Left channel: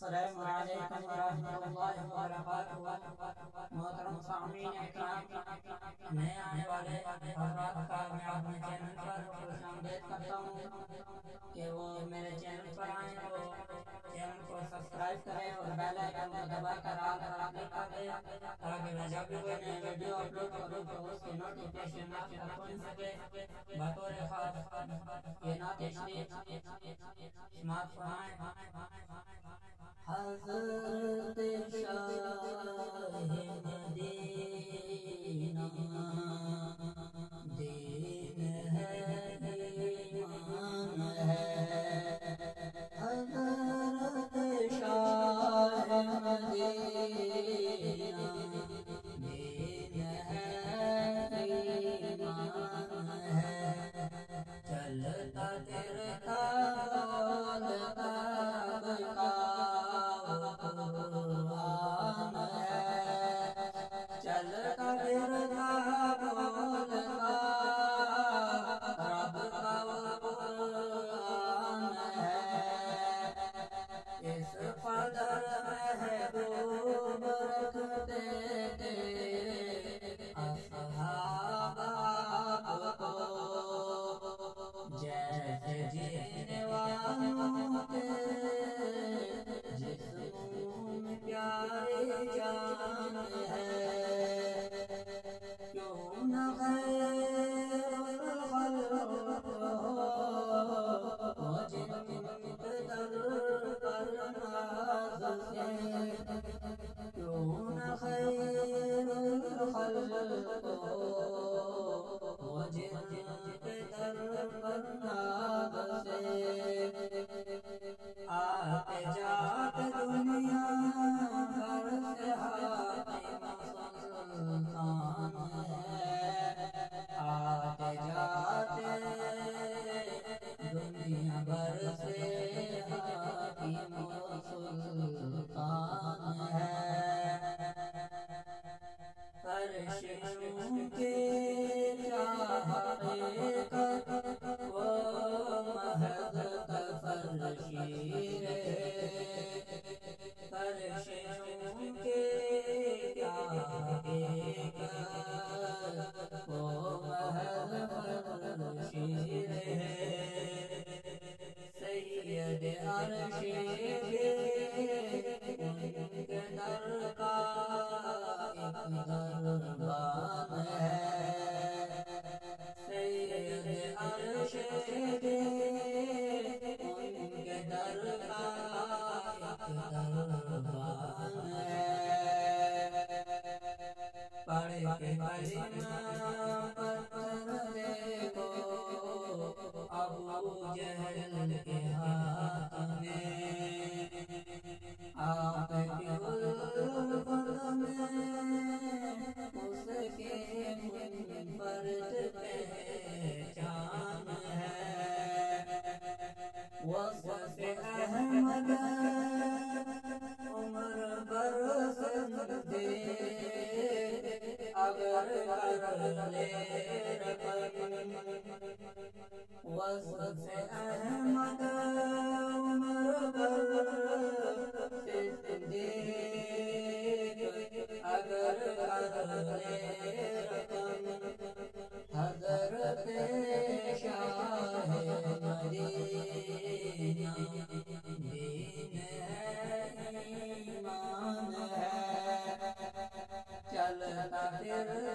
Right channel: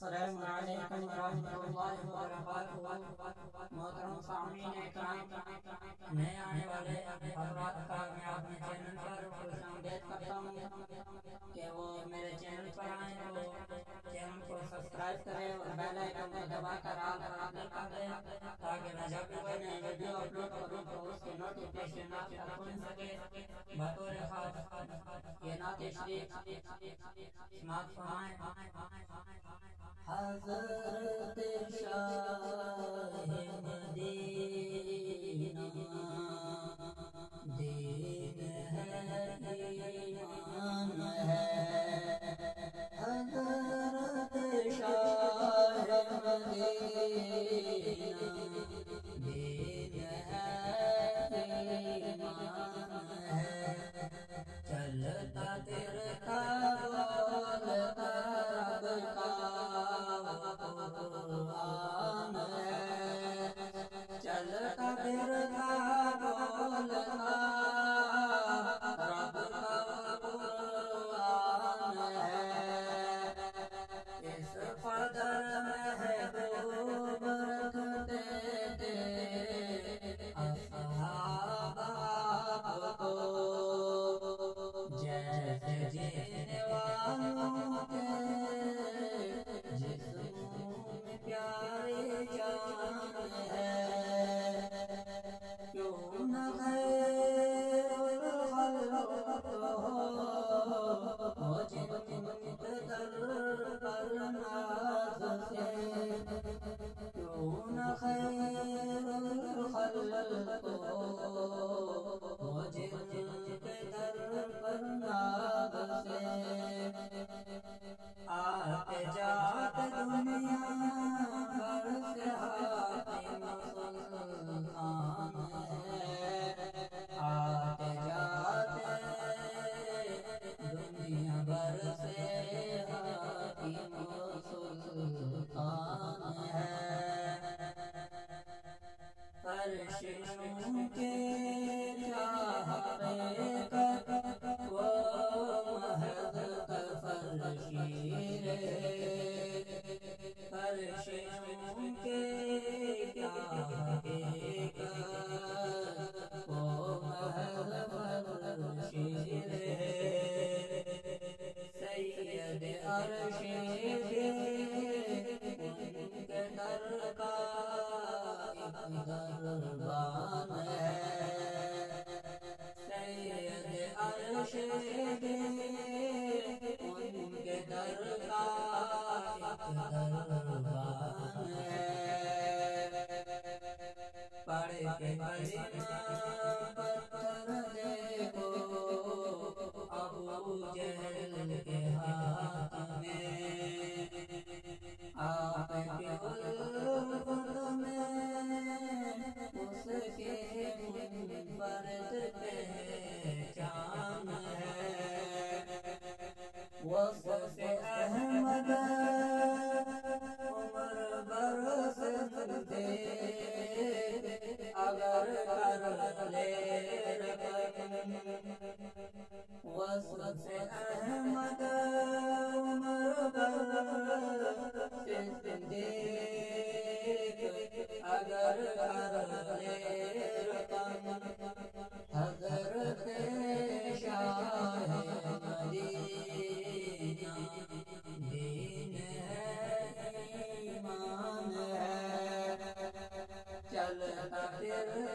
السلام علیکم ورحمۃ اللہ وبرکاتہ۔ محترم سامعین اکرام، نئے آنے والے افراد کا میں اپنے چینل پر خوش آمدید کرتا ہوں کہ وہ میرے چینل پر آئیں تو چینل کو سبسکرائب کریں اور بیل آئیکن کو دبا کر آل پر کلک کر دیں تاکہ میں جب بھی کوئی نئی ویڈیو اپلوڈ کروں تو اس کی نوٹیفیکیشن آپ تک پہنچ سکے۔ بطور خاص یہ نعت شریف سماعت فرمائیں۔ حضرت شاہ مدینہ دین ہے ایمان ہے، حضرت شاہ مدینہ دین ہے ایمان ہے، چلتا پھرتا بولتا رب کا قرآن ہے، چلتا پھرتا بولتا رب کا قرآن ہے، اس قدر محبوب رکھتے تھے اصحاب آپ کو، جیسے جینے والوں کے جسم میں پیاری جان ہے، کیوں نہ خیر الخلق ہو جن در پر ناز سے، کیوں نہ خیر الخلق ہو جن در پر ناز سے، آتے جاتے دنیا بھر سے حاکم سلطان ہے، آتے جاتے دنیا بھر سے حاکم سلطان ہے، فرشتوں کے چاہتے کر وہ محض فرشی رہے، فرشتوں کے کیا حقیقت وہ محض فرشی رہے، سید عرش کے ان کے در کا ایک دربان ہے، سید عرش کے ان کے در کا ایک دربان ہے، پڑھ کے کلمہ پتھر دیکھو ابو جہل کے ہاتھ میں، آپ کے الفت میں اس کے منفرد پہچان ہے، وصف احمد عمر برس دے اگر کر لے رقم، وصف احمد عمر برس دے اگر کر لے رقم، حضرت شاہ مدینہ دین ہے ایمان ہے، چلتا پھرتا